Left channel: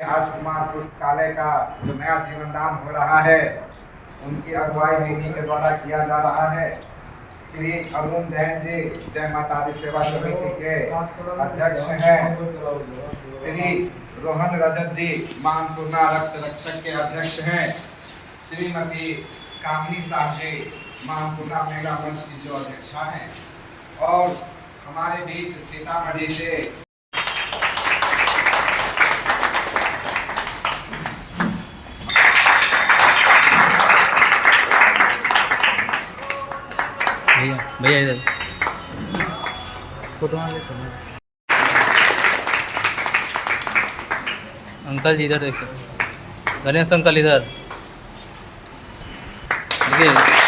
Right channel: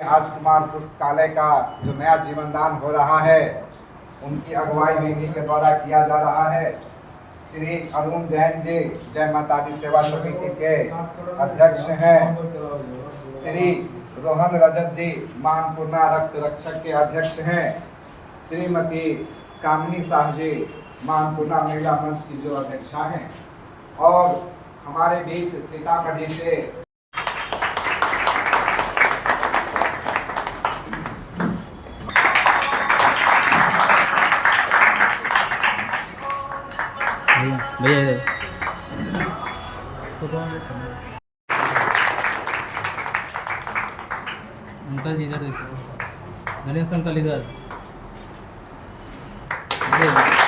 राजकुमार पुस्तकालय का जो नया जीवनदान हो रहा है, उनकी अगुवाई दीदी के द्वारा किया जा रहा है। श्री अरुण जैन जी जय माता दी सेवा समिति के अध्यक्ष हैं। श्री रोहन रजत जी मां अन्नपूर्णा रक्त रक्षक के अध्यक्ष हैं। श्रीमती कामिनी शाह जी मां अन्नपूर्णा महिला मंच की जो अध्यक्षा हैं, और हमारे बीच सीतामढ़ी से भैया इधर फोटो ले समय अंकल जी इधर देखिए, गणेश अंकल इधर देखिए।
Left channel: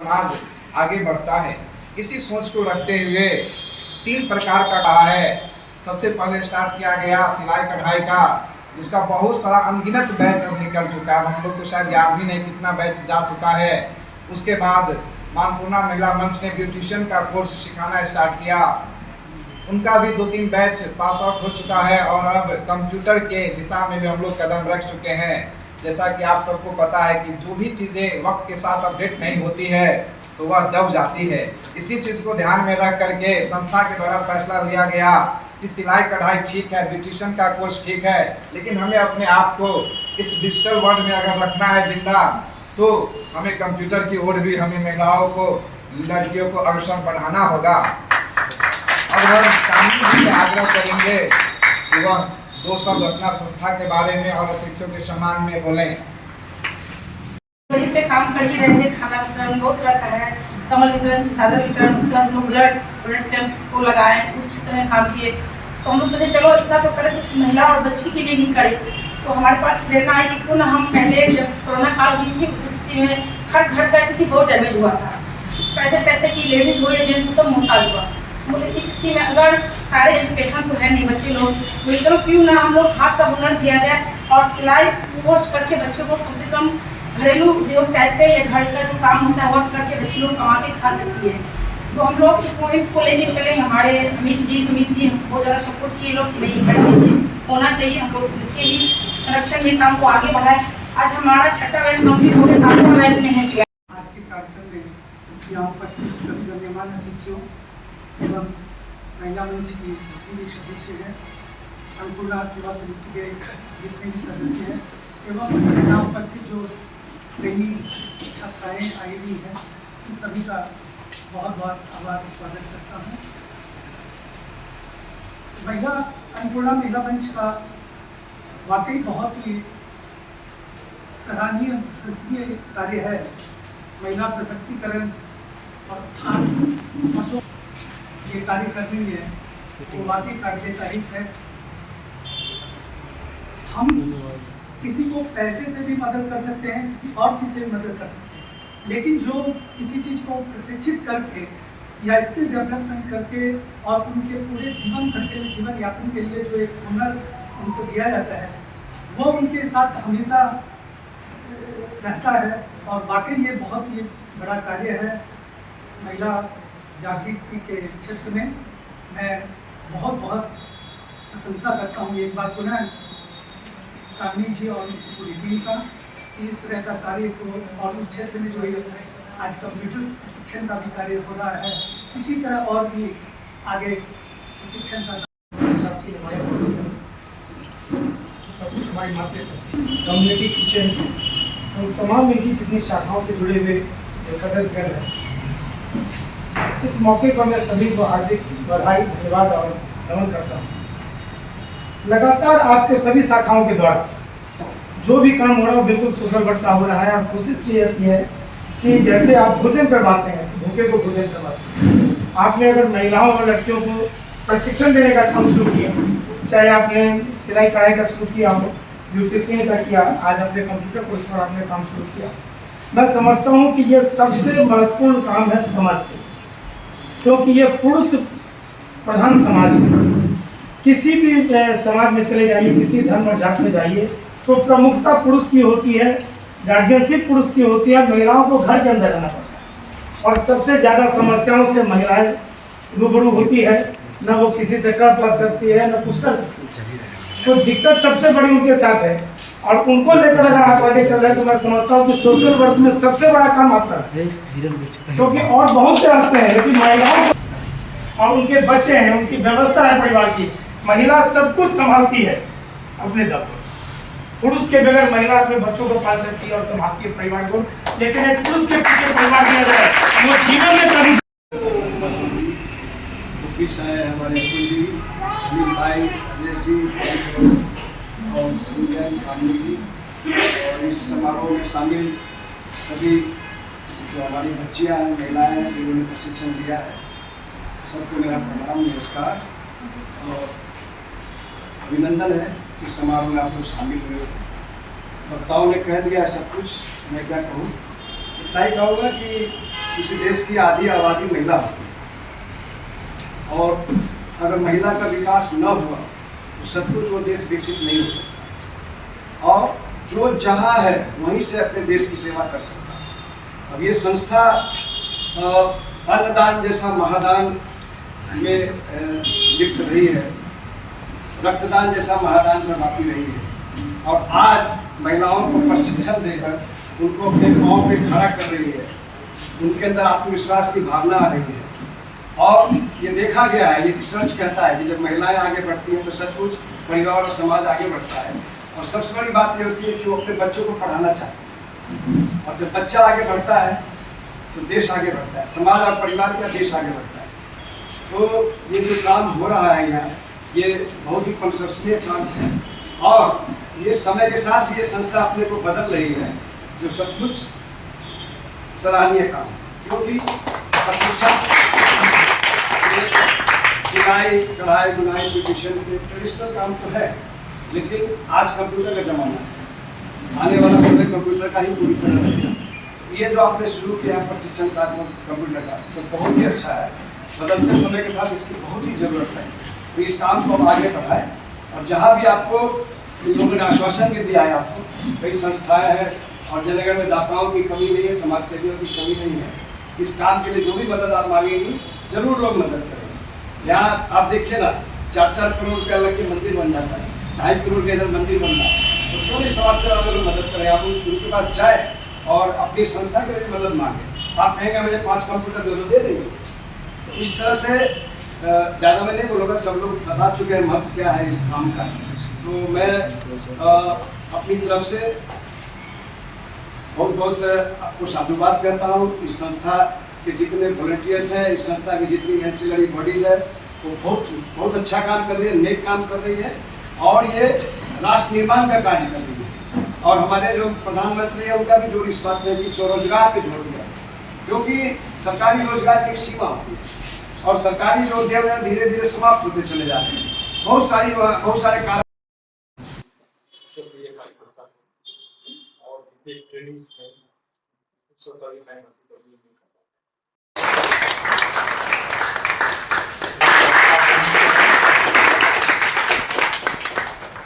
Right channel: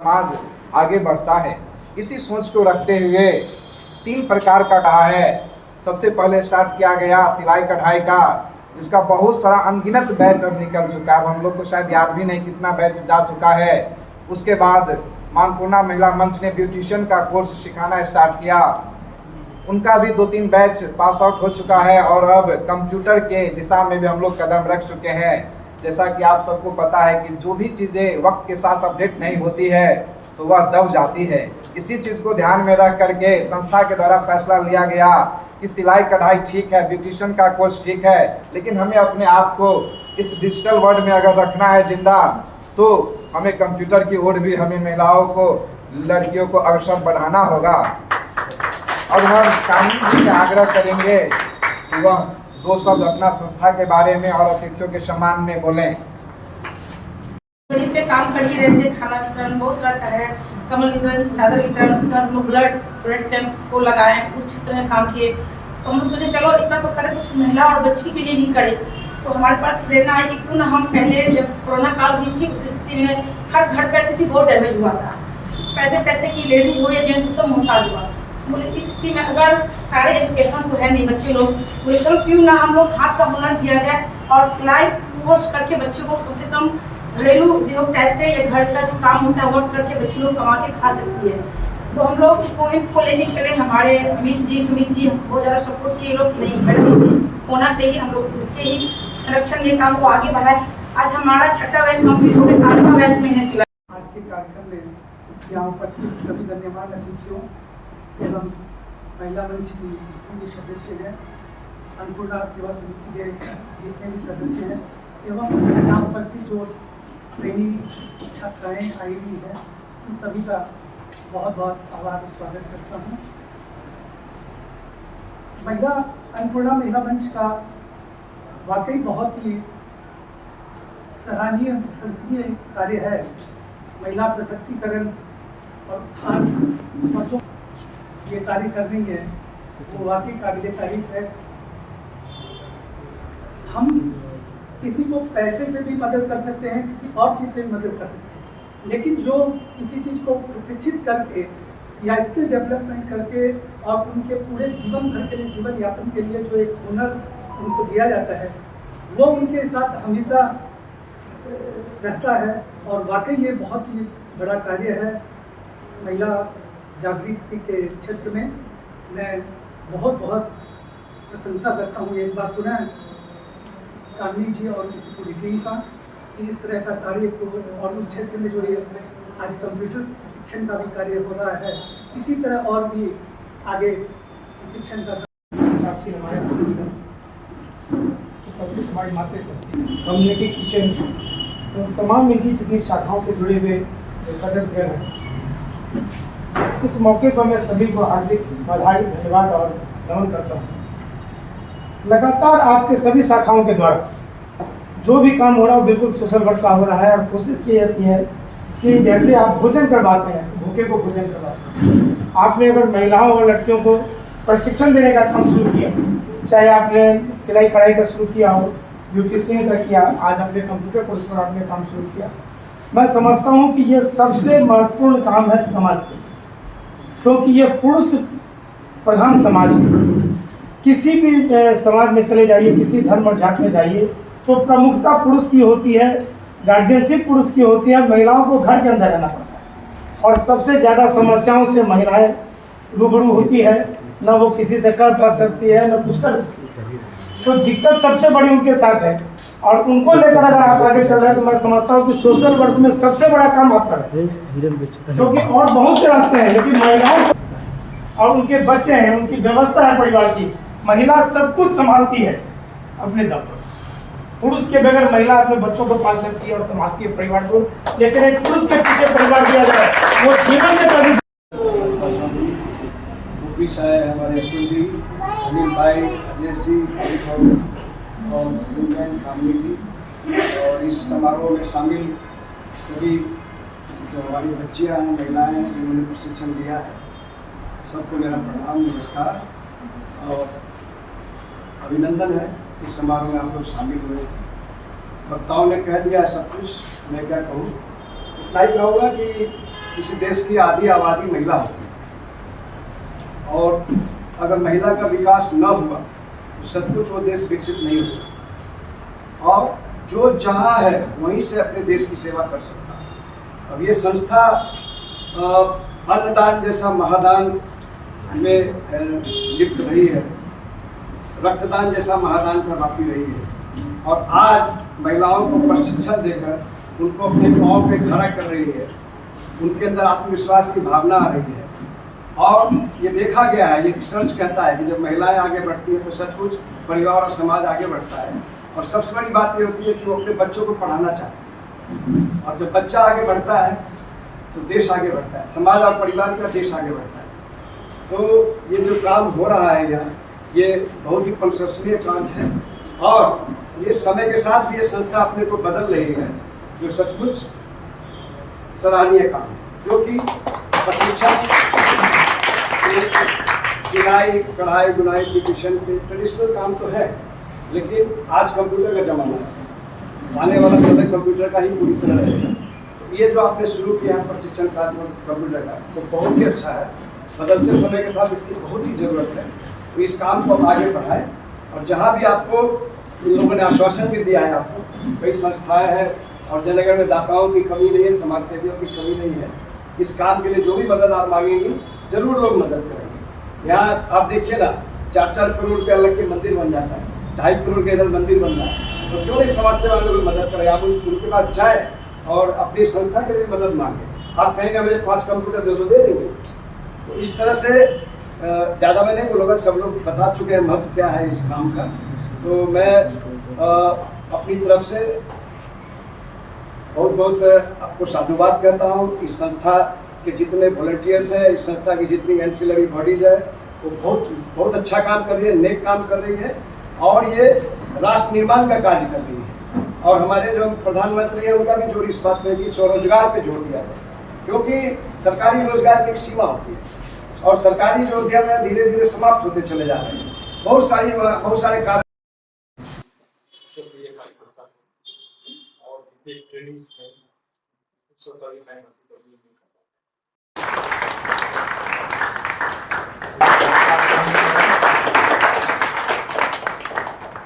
समाज आगे बढ़ता है, इसी सोच को रखते हुए 3 प्रकार का कहा है। सबसे पहले स्टार्ट किया गया सिलाई कढ़ाई का, जिसका बहुत सारा अनगिनत बैच अब निकल चुका है। हम लोग को शायद याद भी नहीं कितना बैच जा चुका है। उसके बाद मां अन्नपूर्णा महिला मंच ने ब्यूटिशियन का कोर्स सिखाना स्टार्ट किया, उनका भी 2-3 बैच पास आउट हो चुका है। और अब कंप्यूटर के दिशा में भी हम लोग कदम रख चुके हैं। जैसा कि आप सबको पता है कि जो भी चीज़ें वक्त के साथ अपडेट नहीं होती है तो वह दब जाती है। इसी चीज़ को ध्यान में रख करके संस्था के द्वारा फैसला लिया गया कि सिलाई कढ़ाई ठीक है, ब्यूटिशियन का कोर्स ठीक है, लेकिन हमें अपने आप को इस डिजिटल वर्ल्ड में अगर रखना है जिंदा, तो हमें कंप्यूटर की ओर भी हमें महिलाओं को, लड़कियों को अग्रसर बढ़ाना होगा। और हम कानून जी से आग्रह करेंगे कि वह 2 शब्द अपना संस्था के बारे में और अतिथियों के सम्मान में बोलें। गरीब पे काम कर ही रहते, खाना वितरण बहुत रहता है, कमल वितरण, चादर वितरण, उसके बाद हम लोग ब्लड कैंप को लगाएं, उस क्षेत्र में काम किए। तो हम लोग सोचे चलो इतना तो करें, कुछ महिला और बच्ची के लिए भी करें। तो हमारे पास प्रेरणा आई कि क्यों ना हम पहले जब कोरोना काल हुई थी उस स्थिति में हर घर का स्थिति बहुत डैमेज हुआ था, पैसे की लेडीज हो या जेंट्स सब मोहताज हुआ। बोले इस स्थिति में अगर सारे एजुकेशन तो है नहीं, बच्चे लोग बोले चलो क्यों ना हम लोग हाथ का हुनर दिया जाए और सिलाई कोर्स करके बच्चों को कम से कम घरेलू उद्योग टाइप से या घर का जो काम होता है वर्क करके बच्चे लोग कमा के खा सकती है। तो हम लोग इस मूवमेंट को लेके चले। हमारे अमित जी, सुमित जी बहुत ज़्यादा सपोर्ट किए लोग कि नहीं अमित जी होना चाहिए, हम लोग उनके ही संरक्षण के काम को आगे बढ़ाए। आज हमारा 6ठा बैच कंप्लीट हो गया, 7वां बैच में है सिलाई। आज के कार्यक्रम में यहाँ उपस्थित सभी गण्यमान्य अतिथियों एवं महिला मंच की जितने भी सदस्य हैं, अन्नपूर्णा सेवा समिति के जितने भी सदस्य हैं, एवं यहाँ उपस्थित जो ट्रेनी छात्राएँ आई हुई हैं, उन सभी का बहुत बहुत आभार स्वागत करता हूँ। अन्नपूर्णा महिला मंच का वाकई बहुत ही सराहनीय प्रशंसनीय कार्य है। महिला सशक्तिकरण और उत्थान ये कार्य कर रही है, वो वाकई काबिल तारीफ है। हम किसी को पैसे से भी मदद कर सकते हैं, किसी और चीज़ से भी मदद कर सकते हैं, लेकिन जो किसी चीज़ को प्रशिक्षित करके या स्किल डेवलपमेंट करके और उनके पूरे जीवन भर के लिए, जीवन यापन के लिए जो एक हुनर उनको दिया जाता है, वो उनके साथ हमेशा रहता है। और वाकई ये बहुत ही बड़ा कार्य है। महिला जागृति के क्षेत्र में मैं बहुत बहुत प्रशंसा करता हूँ एक बार पुनः कामिनी जी और उनकी पूरी टीम का, इस तरह का कार्य को, और उस क्षेत्र में जो ये आज कंप्यूटर प्रशिक्षण का भी कार्य हो रहा है, इसी तरह और भी आगे प्रशिक्षण का हमारी मातृशक्ति कम्युनिटी किचन तो तमाम इनकी जितनी शाखाओं से जुड़े हुए जो सदस्यगण हैं, इस मौके पर मैं सभी को हार्दिक बधाई, धन्यवाद और नमन करता हूँ। लगातार आपके सभी शाखाओं के द्वारा जो भी काम हो रहा है बिल्कुल सोशल वर्क का हो रहा है, और कोशिश की जाती है कि जैसे आप भोजन करवाते हैं तो भूखे को भोजन करवाते हैं। आपने अगर महिलाओं और लड़कियों को प्रशिक्षण देने का काम शुरू किया, चाहे आपने सिलाई कढ़ाई का शुरू किया हो, ब्यूटिशियन का किया, आज आपने कंप्यूटर कोर्स पर आपने काम शुरू किया, मैं समझता हूँ कि ये सबसे महत्वपूर्ण काम है समाज के, क्योंकि ये पुरुष प्रधान समाज है। किसी भी समाज में चले जाइए, किसी धर्म और जात में जाइए, तो प्रमुखता पुरुष की होती है, गार्जियनशिप पुरुष की होती है। महिलाओं को घर के अंदर रहना पड़ता है और सबसे ज़्यादा समस्याओं से महिलाएं रूबरू होती है। न वो किसी से कर पा सकती है, न कुछ कर सकती है। तो दिक्कत सबसे बड़ी उनके साथ है और उनको लेकर अगर आप आगे चल रहे हैं तो मैं समझता हूँ कि सोशल वर्क में सबसे बड़ा काम आप कर रहे हैं, क्योंकि और बहुत से रास्ते हैं, लेकिन महिलाओं को और उनके बच्चे हैं, उनकी व्यवस्था है परिवार की, महिला सब कुछ संभालती है अपने दम पर। पुरुष के बगैर महिला अपने बच्चों को पाल सकती है और संभालती है परिवार को, लेकिन एक पुरुष के पीछे परिवार दिया जाए वो जीवन में कभी हमारे अनिल भाई, अजय जी और फैमिली जी और इस समारोह में शामिल सभी जो हमारी बच्चियाँ हैं, महिलाएं हैं, जिन्होंने प्रशिक्षण दिया है, सबको मेरा प्रणाम, नमस्कार और अभिनंदन है। इस समारोह में आप लोग शामिल हुए थे। वक्ताओं ने कह दिया है सब कुछ, मैं क्या कहूँ, इतना ही कहूँगा कि किसी देश की आधी आबादी महिला होती है और अगर महिला का विकास न हुआ तो सब कुछ वो देश विकसित नहीं हो सकता और जो जहाँ है वहीं से अपने देश की सेवा कर सकता है। अब ये संस्था अन्नदान जैसा महादान में लिप्त रही है, रक्तदान जैसा महादान करवाती रही है और आज महिलाओं को प्रशिक्षण देकर उनको अपने पाँव पे खड़ा कर रही है, उनके अंदर आत्मविश्वास की भावना आ रही है। और ये देखा गया है, ये रिसर्च कहता है कि जब महिलाएं आगे बढ़ती हैं तो सब कुछ परिवार और समाज आगे बढ़ता है। और सबसे बड़ी बात ये होती है कि वो अपने बच्चों को पढ़ाना चाहते हैं और जब बच्चा आगे बढ़ता है तो देश आगे बढ़ता है, समाज और परिवार का देश आगे बढ़ता है। तो ये जो काम हो रहा है यहाँ, ये बहुत ही प्रशंसनीय कार्य है और ये समय के साथ भी ये संस्था अपने को बदल रही है, जो सचमुच सराहनीय काम है। क्योंकि प्रशिक्षण, सिलाई, कढ़ाई, बुनाई, ब्यूटिशियन ट्रेडिशनल काम तो है, लेकिन आज कंप्यूटर का जमाना है, आने वाला समय कंप्यूटर का ही पूरी तरह रहेगा। तो ये जो आपने शुरू किया है प्रशिक्षण का कंप्यूटर का, तो बहुत ही अच्छा है। बदलते समय के साथ इसकी बहुत ही ज़रूरत है, तो इस काम को आगे बढ़ाएं। और जहाँ भी आपको इन लोगों ने आश्वासन भी दिया है, आपको कई संस्थाएं हैं और जनगण में दाताओं की कमी नहीं है, समाज सेवियों की कमी नहीं है। इस काम के लिए जो भी मदद आप मांगेंगी जरूर लोग मदद करेंगे। यहाँ आप देखिए ना, 4-4 करोड़ के अलग के मंदिर बन जाता है, 2.5 करोड़ के इधर मंदिर बन रहा है। तो जो भी समाज सेवा में मदद करें, आप उनके पास जाए और अपनी संस्था के लिए मदद मांगे। आप कहेंगे मुझे 5 कंप्यूटर दे देंगे। तो इस तरह से ज़्यादा मैं नहीं बोलूँगा, सब लोग बता चुके हैं महत्व क्या है इस काम का। तो मैं अपनी तरफ से बहुत बहुत आपको साधुवाद कहता हूँ। इस संस्था के जितने वॉलंटियर्स हैं, इस संस्था की जितनी एंसिलरी बॉडीज है, वो बहुत अच्छा काम कर रही है, नेक काम कर रही है और ये राष्ट्र निर्माण का कार्य कर रही है। और हमारे जो प्रधानमंत्री हैं उनका भी जोर इस बात में भी स्वरोजगार पे जोर दिया है, क्योंकि सरकारी रोजगार की एक सीमा होती है और सरकारी जो उद्यम है धीरे धीरे समाप्त होते चले जा रहे हैं। बहुत सारे कार्य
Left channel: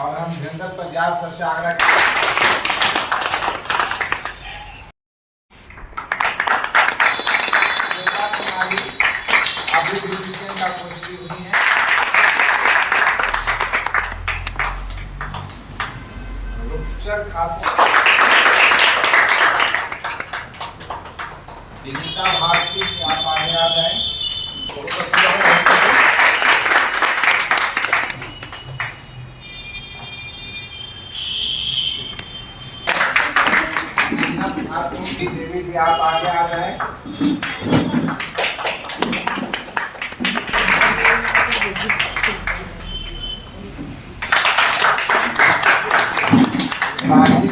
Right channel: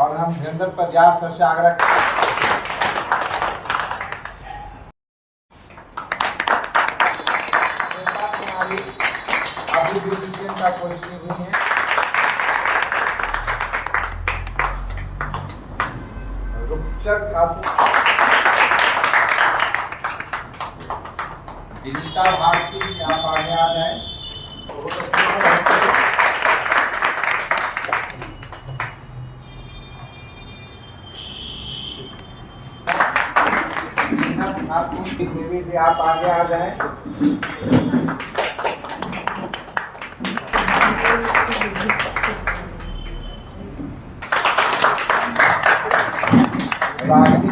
और हम वीरेंद्र परिवार से आग्रह का कोर्स भी हुई है। विनीता भारती, आप आगे आ जाए। देवी भी आप आगे आ जाए।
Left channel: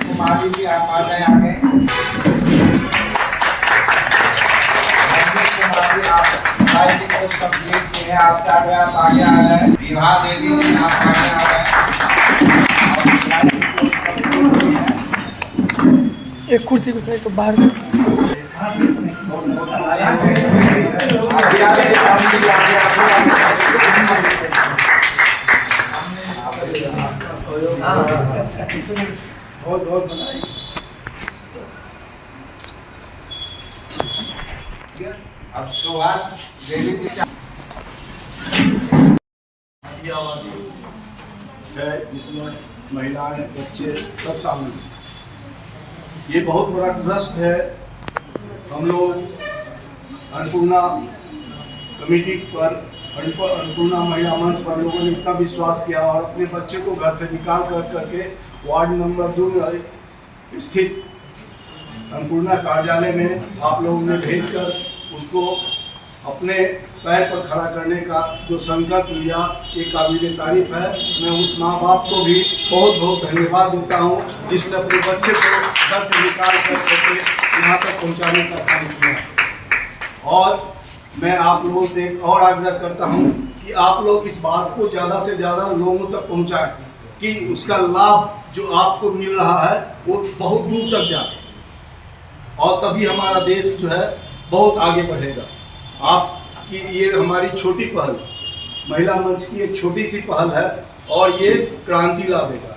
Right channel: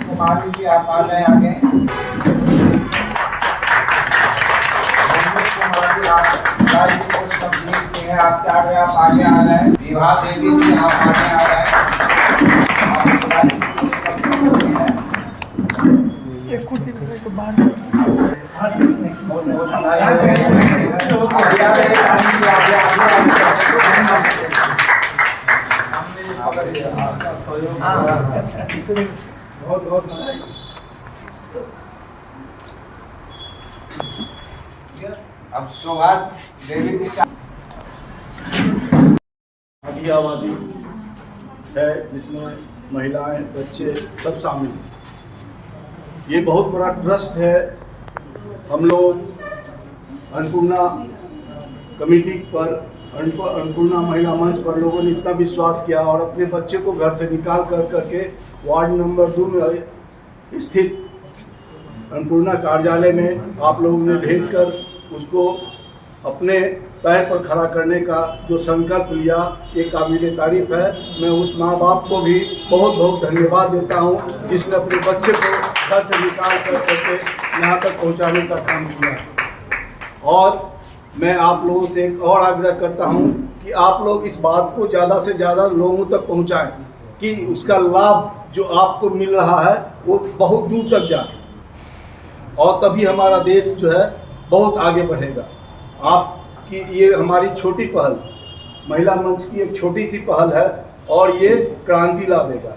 कुमारी जी आप आ जाए आगे। कुमारी आप की कोर्स कंप्लीट की है, आपके आगे आप आगे आ जाए। विवाह देवी जी आप आगे आ जाए। एक कुर्सी पे बाहर बहुत बहुत बधाई। अब सौगात देवी जी से आदि आबादी है जिसमें महिलाएं बच्चे सब शामिल हैं। ये बहुत बड़ा ट्रस्ट है। हम लोग अन्नपूर्णा कमेटी पर अन्नपूर्णा महिला मंच पर लोगों ने इतना विश्वास किया और अपने बच्चे को घर से निकाल करके वार्ड नंबर 2 में स्थित अन्नपूर्णा कार्यालय में आप लोगों ने भेजकर उसको अपने पैर पर खड़ा करने का जो संकल्प लिया, ये काबिल तारीफ है। मैं उस माँ बाप को भी बहुत बहुत धन्यवाद देता हूँ जिसने अपने बच्चे को घर से निकाल करके यहाँ तक पहुँचाने का काम किया। और मैं आप लोगों से एक और आग्रह करता हूँ कि आप लोग इस बात को ज़्यादा से ज़्यादा लोगों तक पहुँचाएं कि उसका लाभ जो आपको मिल रहा है वो बहुत दूर तक जाए, और तभी हमारा देश जो है बहुत आगे बढ़ेगा। आपकी ये हमारी छोटी पहल, महिला मंच की एक छोटी सी पहल है और ये क्रांति ला देगा।